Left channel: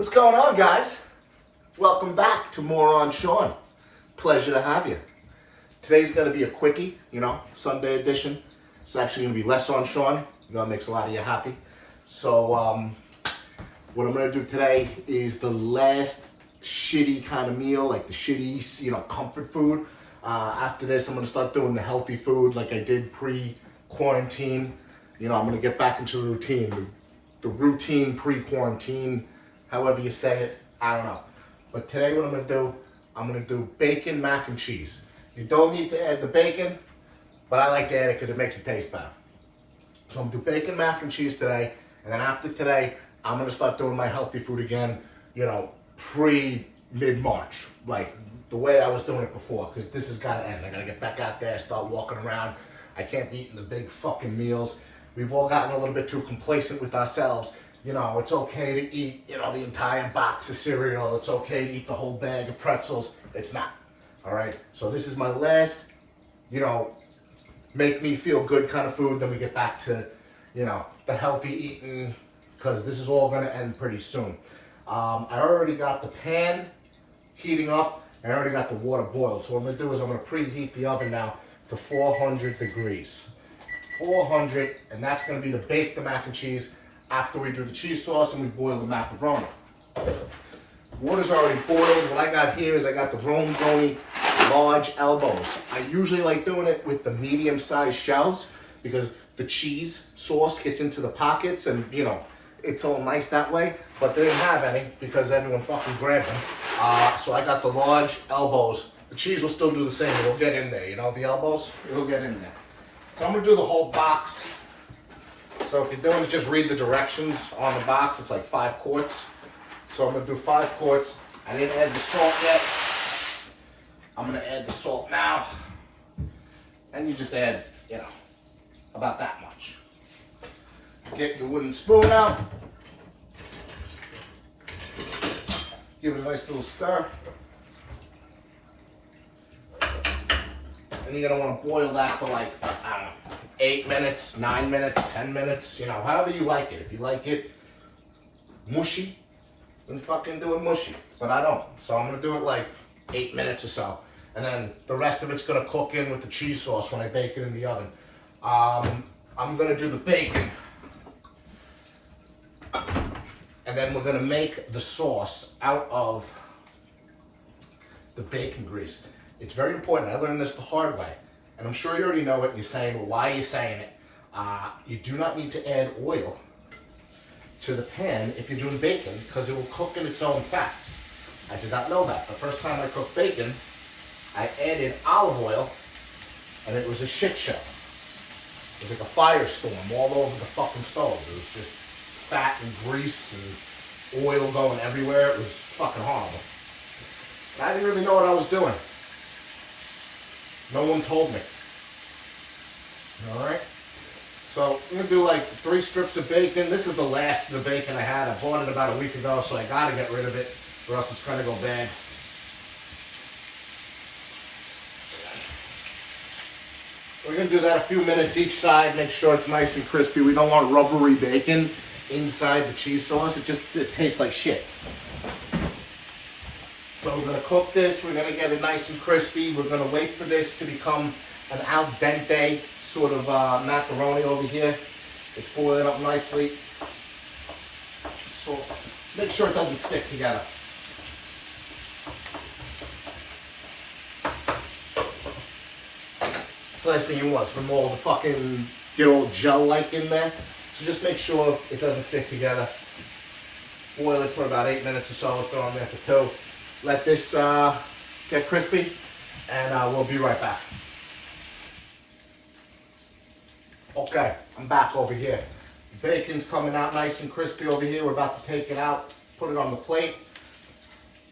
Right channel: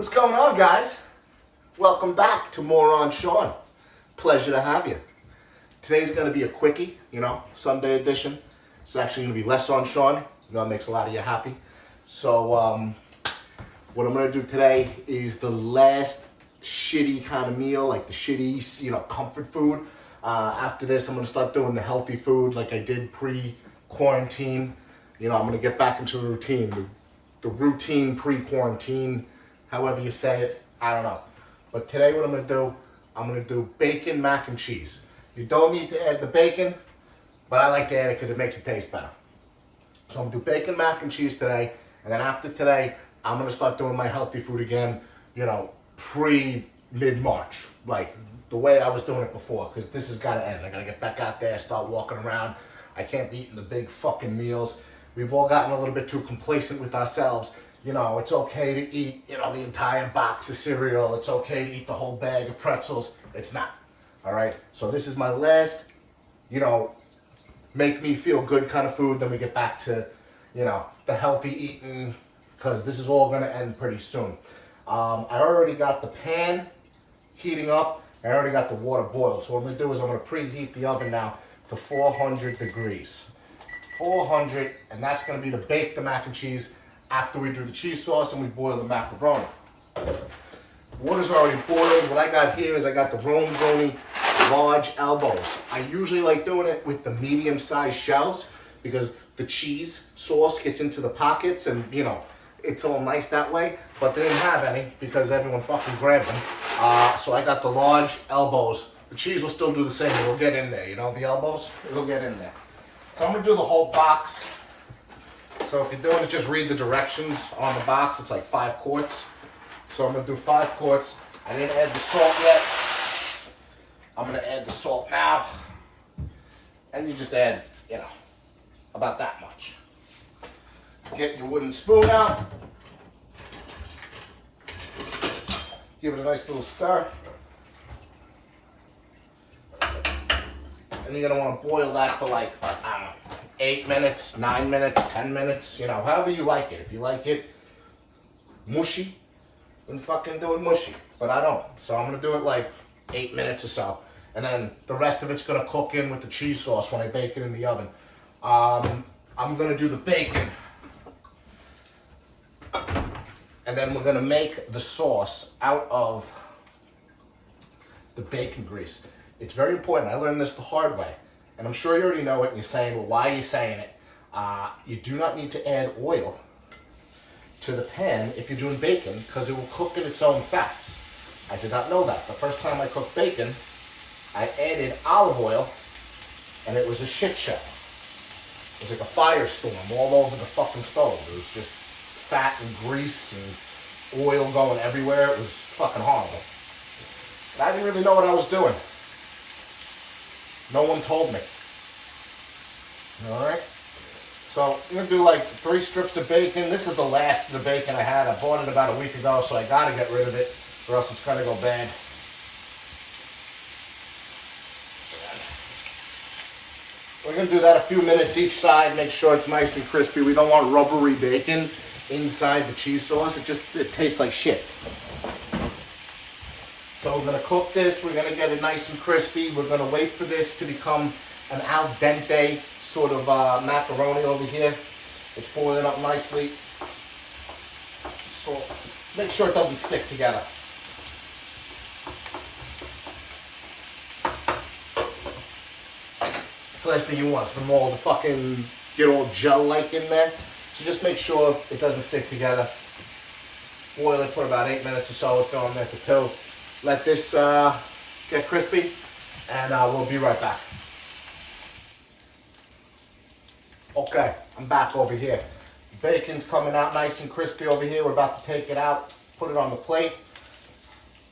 What's going on, guys? Welcome back to More on Sean. Pleasure to have you. Today's going to be a quickie, Sunday edition. It's actually going to be less on Sean. It makes a lot of you happy. So, what I'm going to do today is the last shitty kind of meal, like the shitty, comfort food. After this, I'm going to start doing the healthy food like I did pre-quarantine. I'm going to get back into the routine. The routine pre-quarantine, however you say it, I don't know. But today what I'm going to do bacon mac and cheese. You don't need to add the bacon, but I like to add it because it makes it taste better. So I'm going to do bacon mac and cheese today, and then after today, I'm going to start doing my healthy food again, mid-March, like the way I was doing it before, because this has got to end. I got to get back out there, start walking around. I can't be eating the big fucking meals. We've all gotten a little bit too complacent with ourselves. It's okay to eat, the entire box of cereal. It's okay to eat the whole bag of pretzels. It's not, all right? So this is my last, make me feel good kind of food. Then we get back to, the healthy eating, because this is all going to end pretty soon. I already got the pan heating up. I already got the water boiled. So what I'm going to do is I'm going to preheat the oven now to 400 degrees. 400, and that's going to be to bake the mac and cheese after we do the cheese sauce and we boil the macaroni. Water's already boiled. What I got here is I got the Ronzoni large elbows. I usually like doing it with the medium-sized shells because the cheese sauce gets into the pockets and, it's all nice that way. But they didn't have any because everyone fucking grabbed them. So I got the large elbows. The cheese will still do the same. It'll get in there, the elbows? It'll get in there. So I'm going to do the whole box. So if you're doing it, just read the directions on the box. It's like 5 quarts. So I'm going to do 5 quarts. I didn't add the salt yet. I'm going to add the salt now. And you just add, about that much. Get your wooden spoon out. Give it a nice little stir. And you're going to want to boil that for like, 8 minutes, 9 minutes, 10 minutes, however you like it. If you like it mushy, then fucking do it mushy. But I don't. So I'm going to do it like 8 minutes or so. And then the rest of it's going to cook in with the cheese sauce when I bake it in the oven. I'm going to do the bacon. And then we're going to make the sauce out of the bacon grease. It's very important. I learned this the hard way. And I'm sure you already know it and you're saying, well, why are you saying it? You do not need to add oil to the pan if you're doing bacon because it will cook in its own fats. I did not know that. The first time I cooked bacon, I added olive oil and it was a shit show. It was like a firestorm all over the fucking stove. It was just fat and grease and oil going everywhere. It was fucking horrible. But I didn't really know what I was doing. No one told me. Alright? So I'm going to do like 3 strips of bacon. This is the last of the bacon I had. I bought it about a week ago, so I got to get rid of it or else it's going to go bad. We're going to do that a few minutes each side. Make sure it's nice and crispy. We don't want rubbery bacon inside the cheese sauce. It tastes like shit. So we're going to cook this. We're going to get it nice and crispy. We're going to wait for this to become an al dente sort of macaroni over here. It's boiling up nicely. So make sure it doesn't stick together. It's the last thing you want is for them all to fucking get all gel-like in there. So just make sure it doesn't stick together. Boil it for about 8 minutes or so. It's going there for 2. Let this get crispy, and we'll be right back. Okay, I'm back over here. The bacon's coming out nice and crispy over here. We're about to take it out, put it on the plate.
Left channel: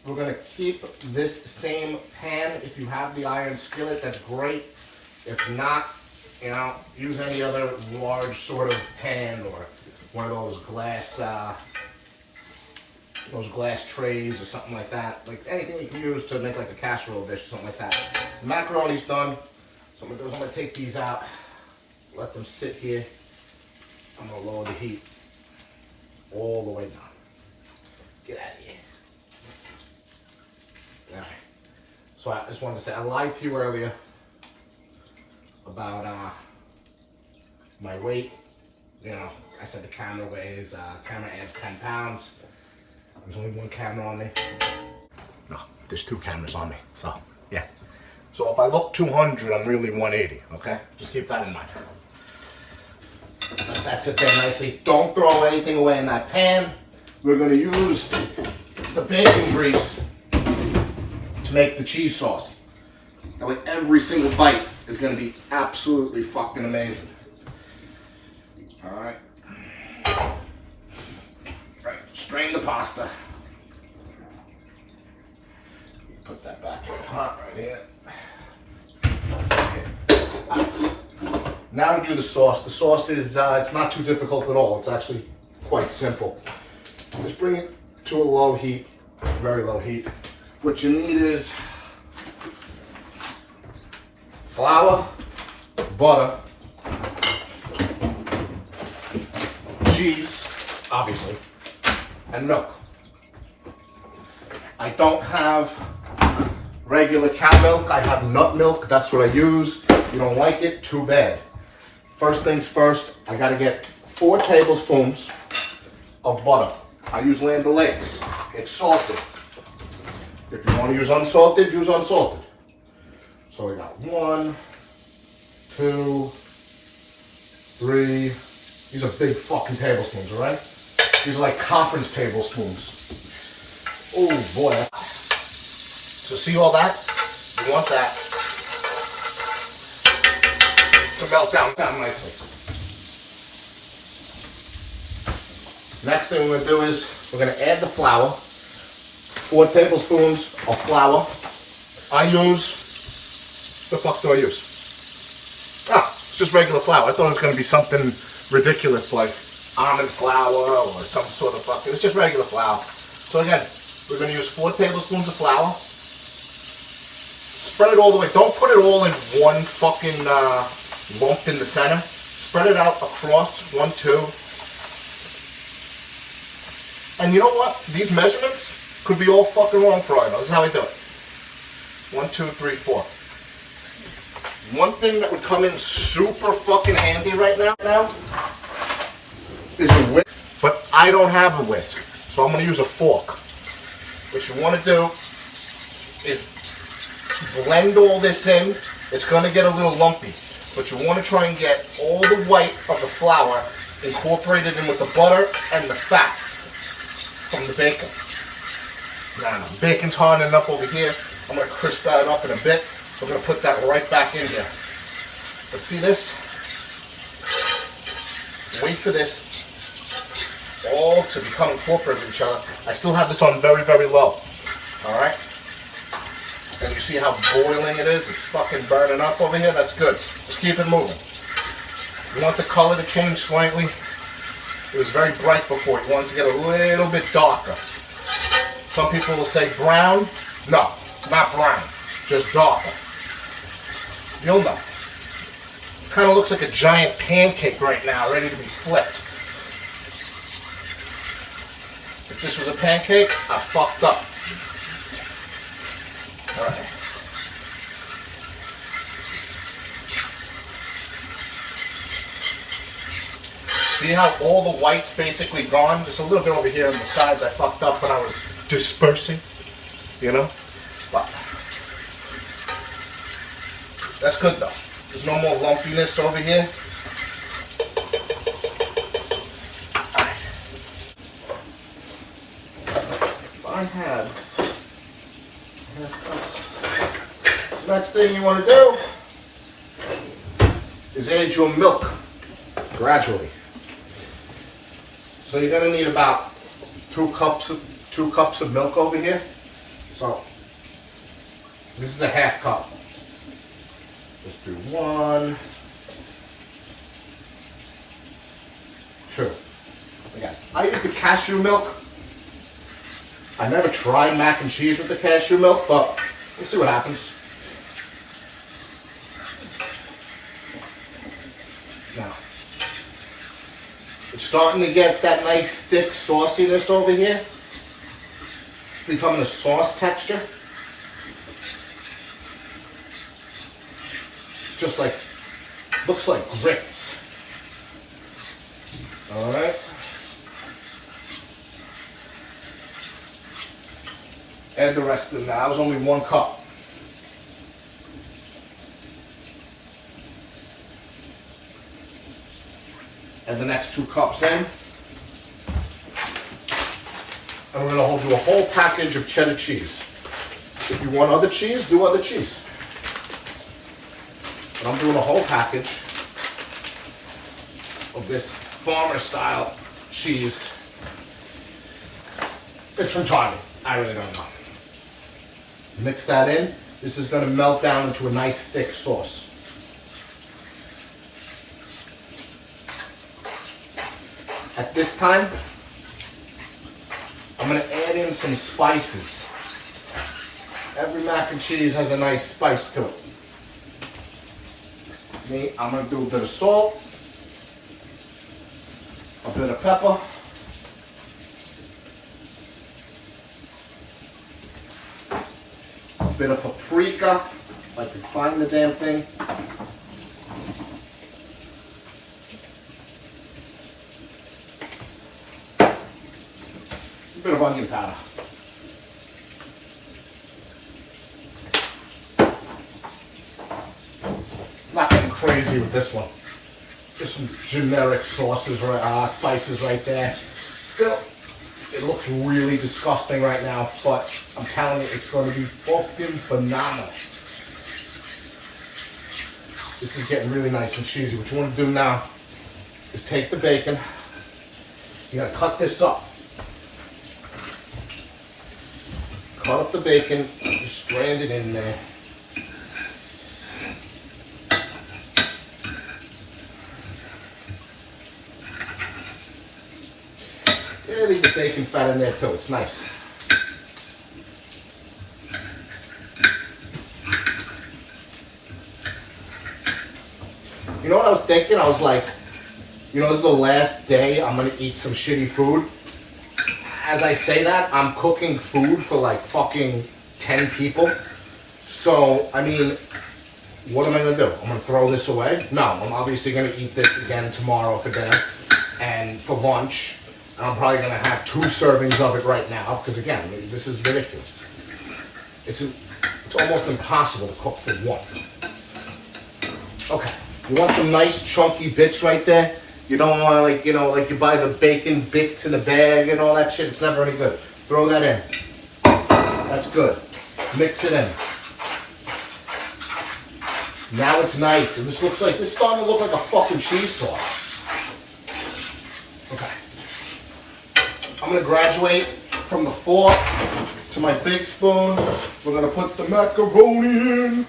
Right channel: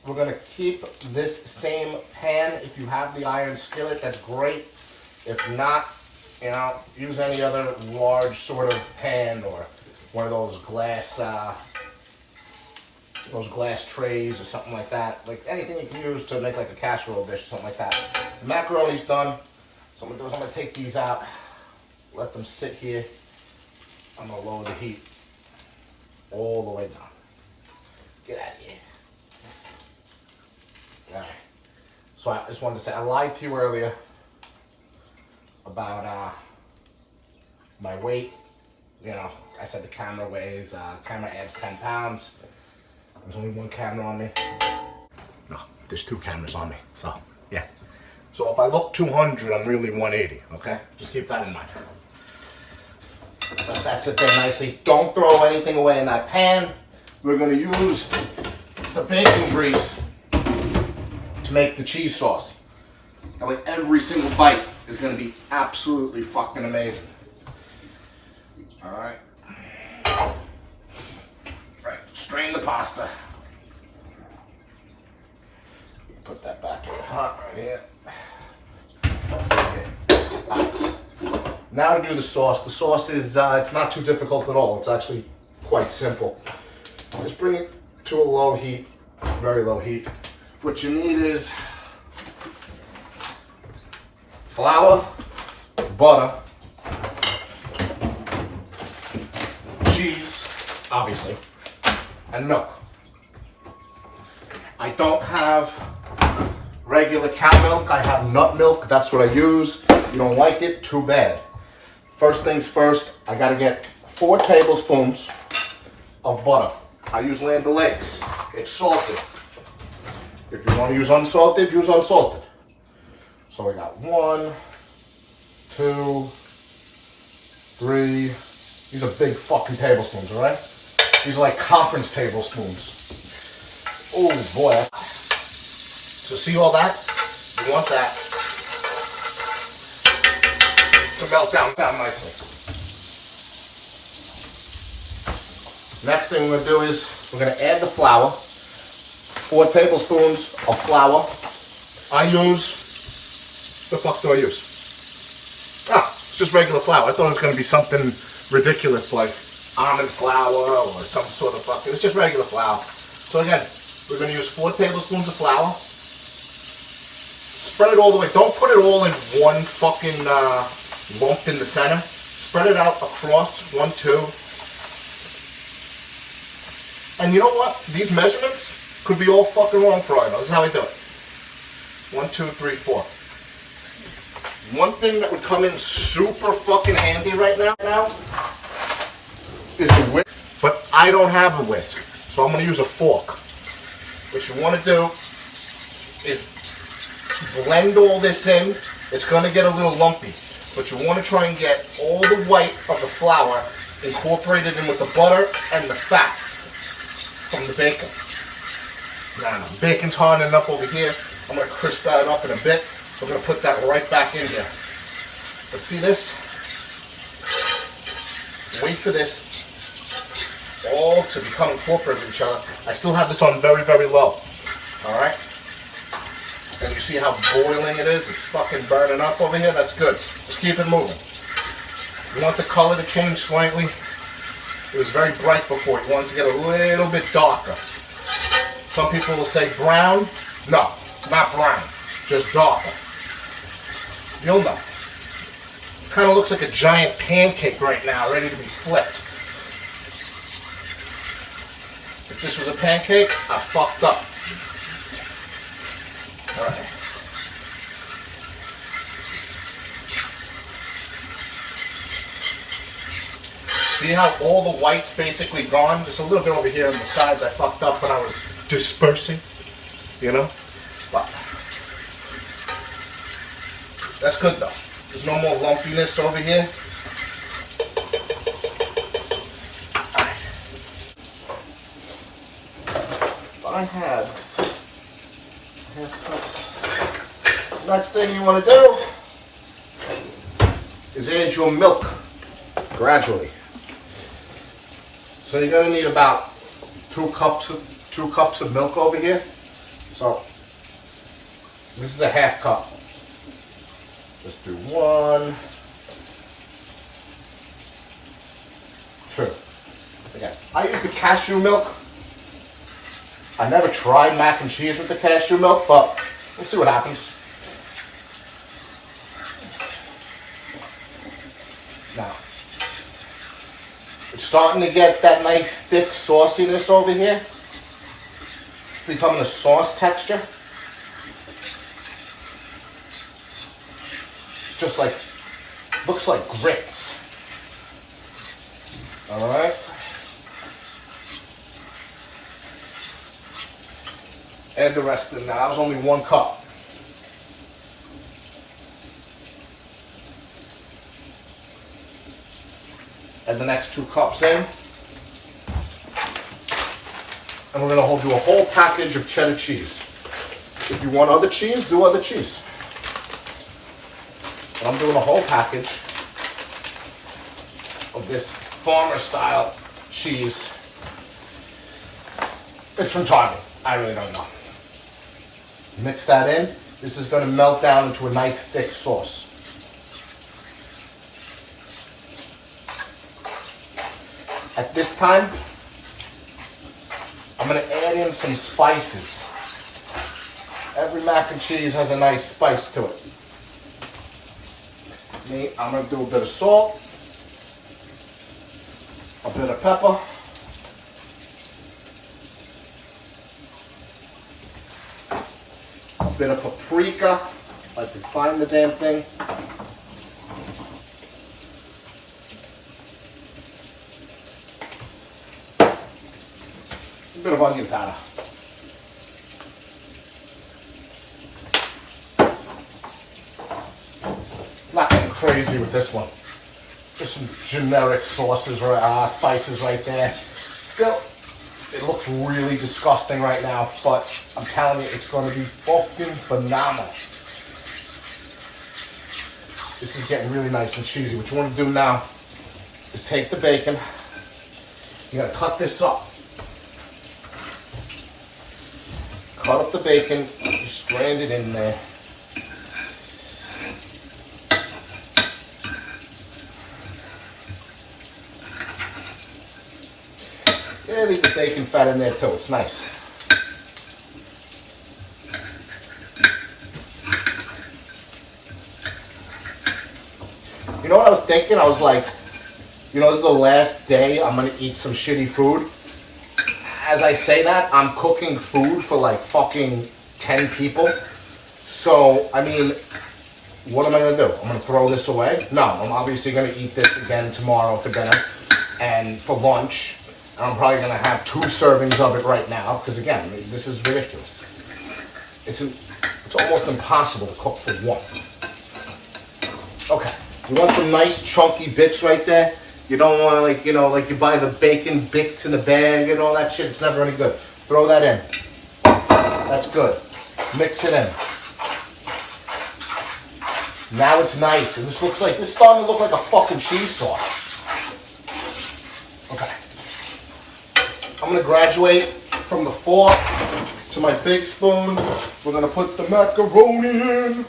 We're going to keep this same pan. If you have the iron skillet, that's great. If not, use any other large sort of pan or one of those glass trays or something like that. Like anything you can use to make like a casserole dish or something like that. The macaroni's done. So I'm going to take these out, let them sit here. I'm going to lower the heat all the way down. Get out of here. All right. So I just wanted to say, I lied to you earlier about my weight. You know, I said the camera adds 10 pounds. There's only one camera on me. No, there's two cameras on me, so yeah. So if I look 200, I'm really 180, okay? Just keep that in mind. Let that sit there nicely. Don't throw anything away in that pan. We're gonna use the bacon grease to make the cheese sauce. That way every single bite is gonna be absolutely fucking amazing. All right. All right, strain the pasta. Put that back in the pot right here. Now to do the sauce. The sauce is, it's not too difficult at all. It's actually quite simple. Just bring it to a low heat, very low heat. What you need is flour, butter, cheese, obviously, and milk. I don't have regular cow milk. I have nut milk. That's what I use. You don't like it? Too bad. First things first, I gotta get 4 tablespoons of butter. I use Land O'Lakes. It's salted. If you want to use unsalted, use unsalted. So I got 1, 2, 3. These are big fucking tablespoons, all right? These are like conference tablespoons. Oh boy. So see all that? You want that to melt down nicely. Next thing we're gonna do is we're gonna add the flour. 4 tablespoons of flour. I use, the fuck do I use? It's just regular flour. I thought it was gonna be something ridiculous like almond flour or some sort of fucking, it's just regular flour. So again, we're gonna use 4 tablespoons of flour. Spread it all the way. Don't put it all in one fucking lump in the center. Spread it out across, 1, 2. And you know what? These measurements could be all fucking wrong for all I know. This is how I do it. 1, 2, 3, 4. One thing that would come in super fucking handy right now is a whisk. But I don't have a whisk, so I'm going to use a fork. What you want to do is blend all this in. It's going to get a little lumpy, but you want to try and get all the white of the flour incorporated in with the butter and the fat from the bacon. Now, the bacon's hardening up over here. I'm going to crisp that up in a bit. We're going to put that right back in here. But see this? Wait for this all to become incorporated with each other. I still have this on very, very low. Alright? And you see how boiling it is? It's fucking burning up over here. That's good. Just keep it moving. You want the color to change slightly. It was very bright before. You want it to get a little bit darker. Some people will say brown. No, not brown. Just darker. You'll know. Kind of looks like a giant pancake right now, ready to be flipped. If this was a pancake, I fucked up. Alright. See how all the white's basically gone? Just a little bit over here on the sides I fucked up when I was dispersing, you know? But that's good though. There's no more lumpiness over here. Alright. If I had next thing you want to do is add your milk gradually. So you're going to need about 2 cups of milk over here. So this is a half cup. Just do 1, 2. Again, I use the cashew milk. I never tried mac and cheese with the cashew milk, but we'll see what happens. Now, it's starting to get that nice thick sauciness over here. becoming a sauce texture. Just like, looks like grits. All right. Add the rest of them. Now, that was only 1 cup. Add the next 2 cups in. And we're gonna hold you a whole package of cheddar cheese. If you want other cheese, do other cheese. But I'm doing a whole package of this farmer style cheese. It's from Target. I really don't know. Mix that in. This is going to melt down into a nice thick sauce. At this time, I'm going to add in some spices. Every mac and cheese has a nice spice to it. Me, I'm going to do a bit of salt, a bit of pepper, a bit of paprika, if I can find the damn thing. A bit of onion powder. Not getting crazy with this one. Just some generic sauces, spices right there. Still, it looks really disgusting right now, but I'm telling you, it's going to be fucking phenomenal. This is getting really nice and cheesy. What you want to do now is take the bacon. You got to cut this up. Cut up the bacon, just strand it in there. Yeah, leave the bacon fat in there too, it's nice. You know what I was thinking? I was like, you know, this is the last day I'm gonna eat some shitty food. As I say that, I'm cooking food for like fucking 10 people. So, I mean, what am I gonna do? I'm gonna throw this away? No, I'm obviously gonna eat this again tomorrow for dinner and for lunch. I'm probably gonna have 2 servings of it right now because again, this is ridiculous. It's almost impossible to cook for 1. Okay, you want some nice chunky bits right there. You don't want to, like, you know, like you buy the bacon bits in a bag and all that shit. It's never any good. Throw that in. That's good. Mix it in. Now it's nice. And this is starting to look like a fucking cheese sauce. Okay. I'm going to graduate from the fork to my big spoon. We're going to put the macaroni in.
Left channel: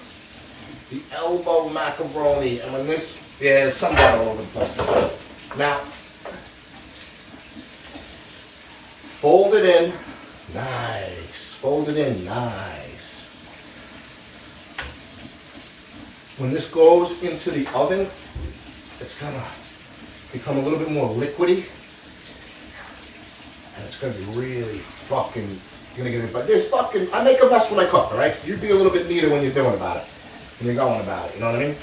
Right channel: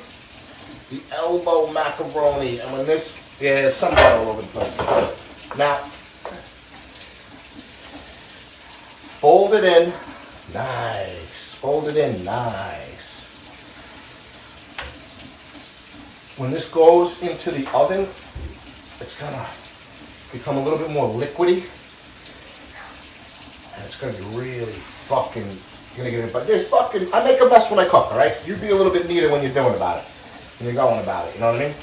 The elbow macaroni. And when this, yeah, there's some all over the place. Now, fold it in. Nice. Fold it in. Nice. When this goes into the oven, it's going to become a little bit more liquidy. And it's going to be really fucking, going to get it. But this fucking, I make a mess when I cook, all right? You be a little bit neater when you're doing about it. When you're going about it, you know what I mean?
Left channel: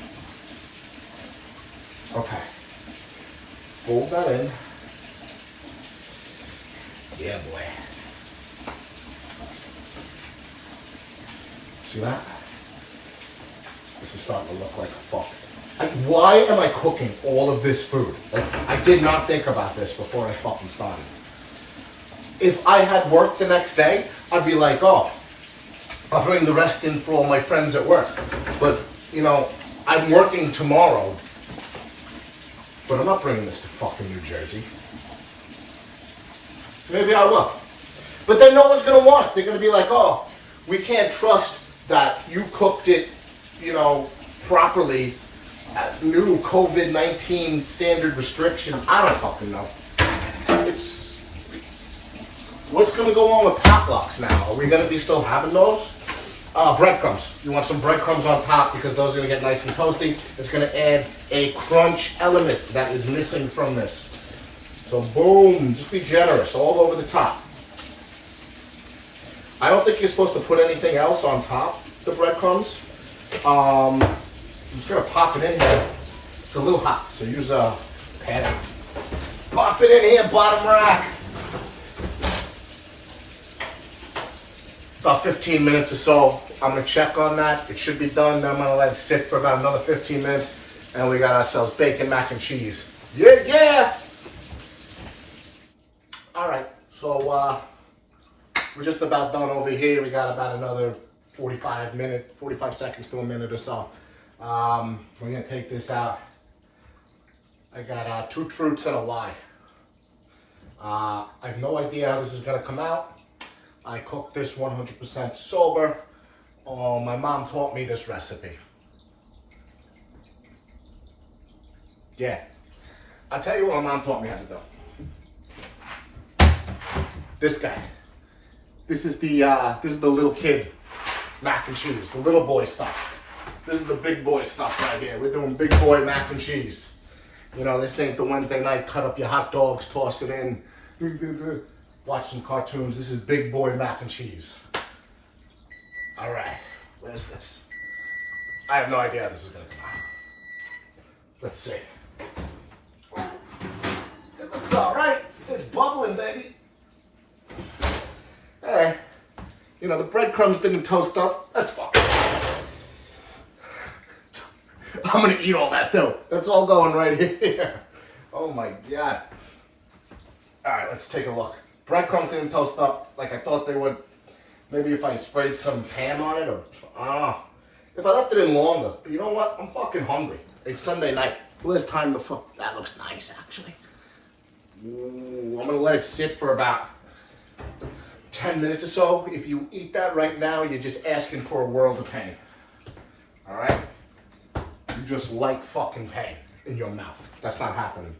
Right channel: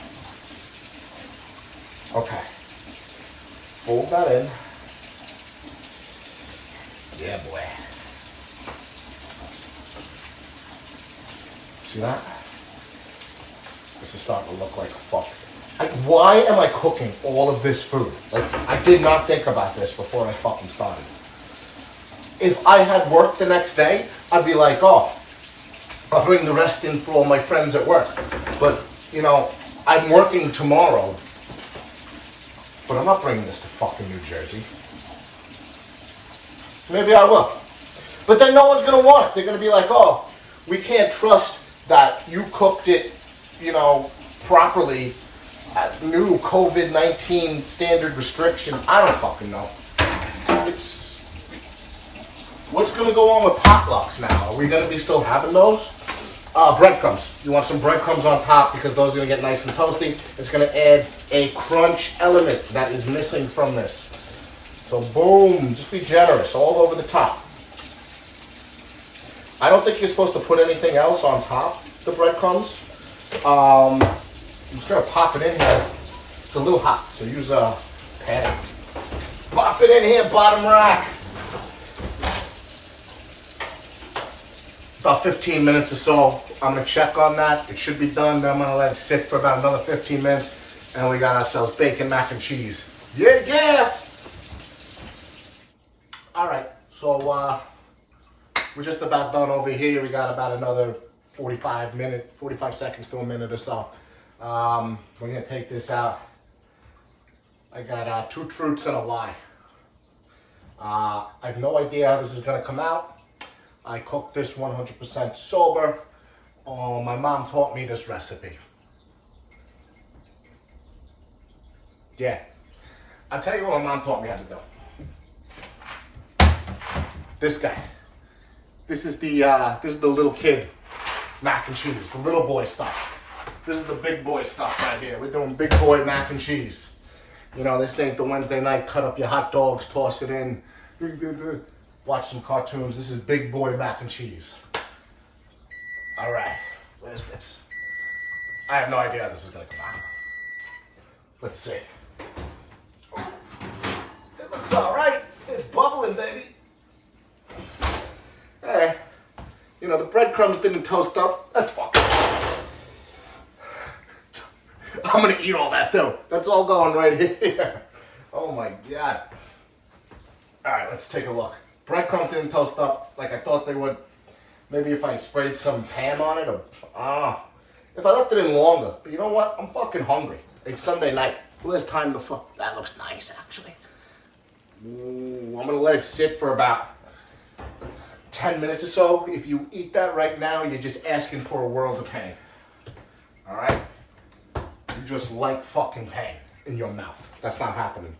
Okay. Fold that in. Yeah, boy. See that? This is starting to look like a fuck. Why am I cooking all of this food? Like, I did not think about this before I fucking started. If I had work the next day, I'd be like, oh, I'll bring the rest in for all my friends at work. But, you know, I'm working tomorrow. But I'm not bringing this to fucking New Jersey. Maybe I will. But then no one's going to want it. They're going to be like, oh, we can't trust that you cooked it, you know, properly at new COVID-19 standard restriction. I don't fucking know. What's going to go on with potlucks now? Are we going to be still having those? Breadcrumbs. You want some breadcrumbs on top because those are going to get nice and toasty. It's going to add a crunch element that is missing from this. So boom, just be generous all over the top. I don't think you're supposed to put anything else on top the breadcrumbs. I'm just gonna pop it in here. It's a little hot, so use a pan. Pop it in here, bottom rack. About 15 minutes or so. I'm gonna check on that. It should be done. Then I'm gonna let it sit for about another 15 minutes. And we got ourselves bacon mac and cheese. Yeah, yeah! All right, so we're just about done over here. We got about another 45 seconds to a minute or so. We're gonna take this out. I got 2 truths and a lie. I have no idea how this is gonna come out. I cooked this 100% sober. My mom taught me this recipe. Yeah, I'll tell you what my mom taught me how to do. This guy. This is the little kid mac and cheese, the little boy stuff. This is the big boy stuff right here. We're doing big boy mac and cheese. You know, this ain't the Wednesday night, cut up your hot dogs, toss it in, watch some cartoons. This is big boy mac and cheese. All right, where's this? I have no idea how this is gonna come out. Let's see. It looks all right. It's bubbling, baby. Hey, you know, the breadcrumbs didn't toast up. That's fucking. I'm gonna eat all that too. That's all going right here. Oh my God. All right, let's take a look. Breadcrumbs didn't toast up like I thought they would. Maybe if I sprayed some ham on it, or if I left it in longer. But you know what? I'm fucking hungry. It's Sunday night. Well, there's time to fuck. That looks nice, actually. Ooh, I'm gonna let it sit for about 10 minutes or so. If you eat that right now, you're just asking for a world of pain. All right? You just like fucking pain in your mouth. That's not happening.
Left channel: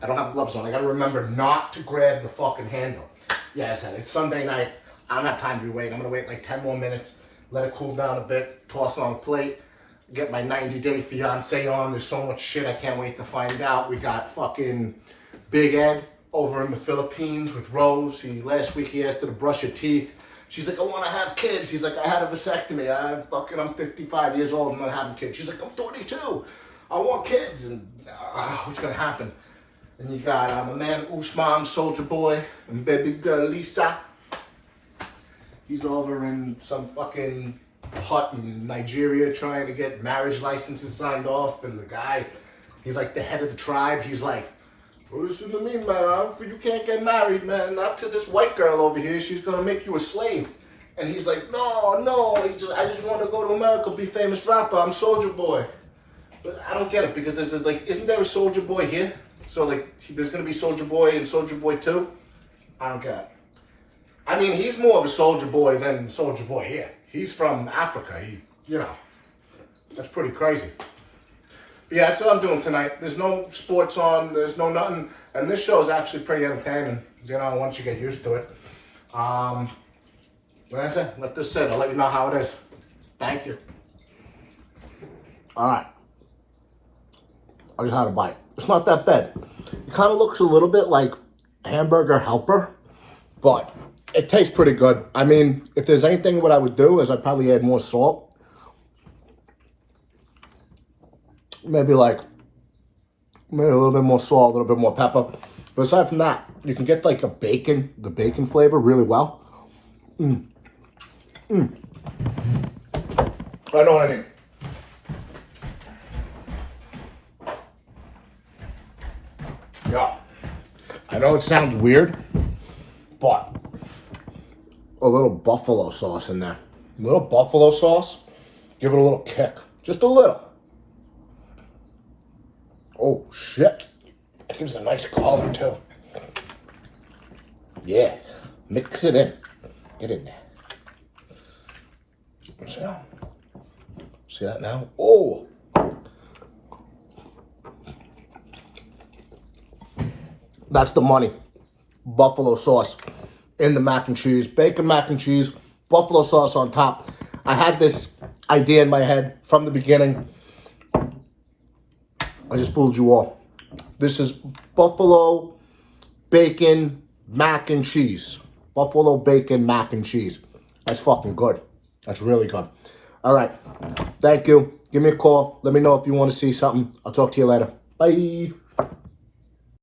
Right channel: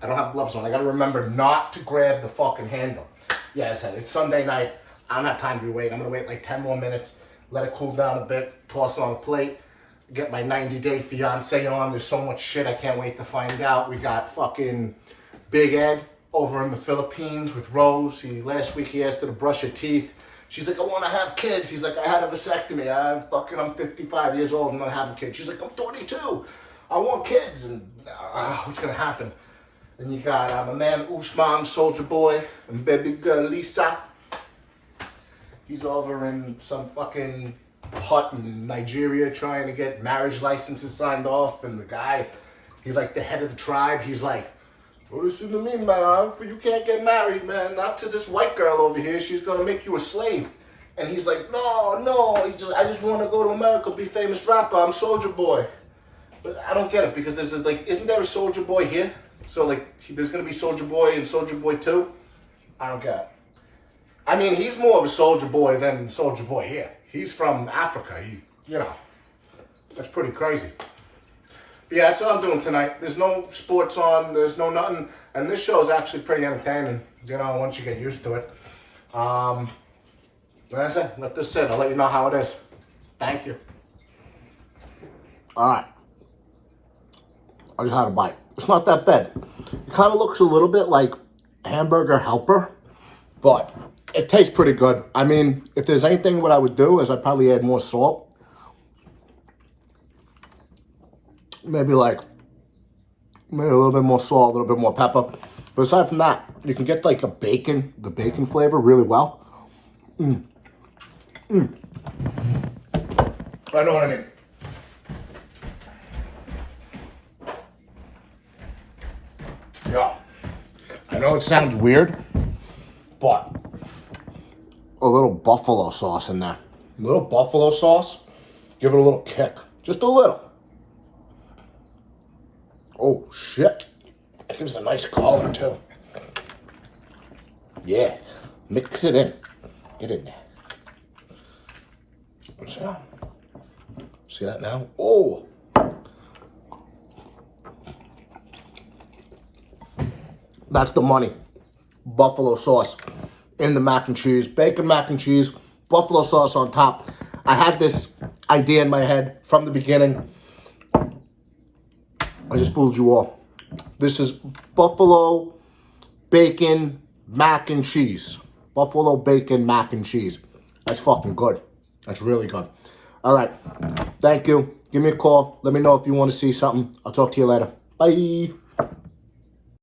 I don't have gloves on. I gotta remember not to grab the fucking handle. Yeah, I said it's Sunday night. I don't have time to be waiting. I'm gonna wait like 10 more minutes, let it cool down a bit, toss it on a plate, get my 90-day fiance on. There's so much shit I can't wait to find out. We got fucking Big Ed over in the Philippines with Rose. Last week he asked her to brush her teeth. She's like, I want to have kids. He's like, I had a vasectomy. I'm 55 years old and I'm not having kids. She's like, I'm 22. I want kids. And what's going to happen? And you got my man Usman, Soldier Boy, and baby girl Lisa. He's over in some fucking hut in Nigeria trying to get marriage licenses signed off. And the guy, he's like the head of the tribe. He's like, what does it mean, man? You can't get married, man. Not to this white girl over here. She's gonna make you a slave. And he's like, no. I just want to go to America, be famous rapper. I'm Soldier Boy. But I don't get it because there's isn't there a Soldier Boy here? So there's gonna be Soldier Boy and Soldier Boy 2? I don't get it. I mean, he's more of a Soldier Boy than Soldier Boy here. He's from Africa. That's pretty crazy. Yeah, that's what I'm doing tonight. There's no sports on, there's no nothing. And this show is actually pretty entertaining, once you get used to it. Like I said, let this sit. I'll let you know how it is. Thank you. All right. I just had a bite. It's not that bad. It kind of looks a little bit like Hamburger Helper, but it tastes pretty good. I mean, if there's anything what I would do is I'd probably add more salt. Maybe a little bit more salt, a little bit more pepper. But aside from that, you can get like the bacon flavor really well. I know what I mean. Yeah. I know it sounds weird, but a little buffalo sauce in there. A little buffalo sauce, give it a little kick. Just a little. Oh, shit. That gives a nice color, too. Yeah. Mix it in. Get in there. See that now? Oh. That's the money. Buffalo sauce in the mac and cheese. Bacon mac and cheese. Buffalo sauce on top. I had this idea in my head from the beginning. I just fooled you all. This is buffalo, bacon, mac and cheese. Buffalo bacon mac and cheese. That's fucking good. That's really good. All right. Thank you. Give me a call. Let me know if you want to see something. I'll talk to you later. Bye.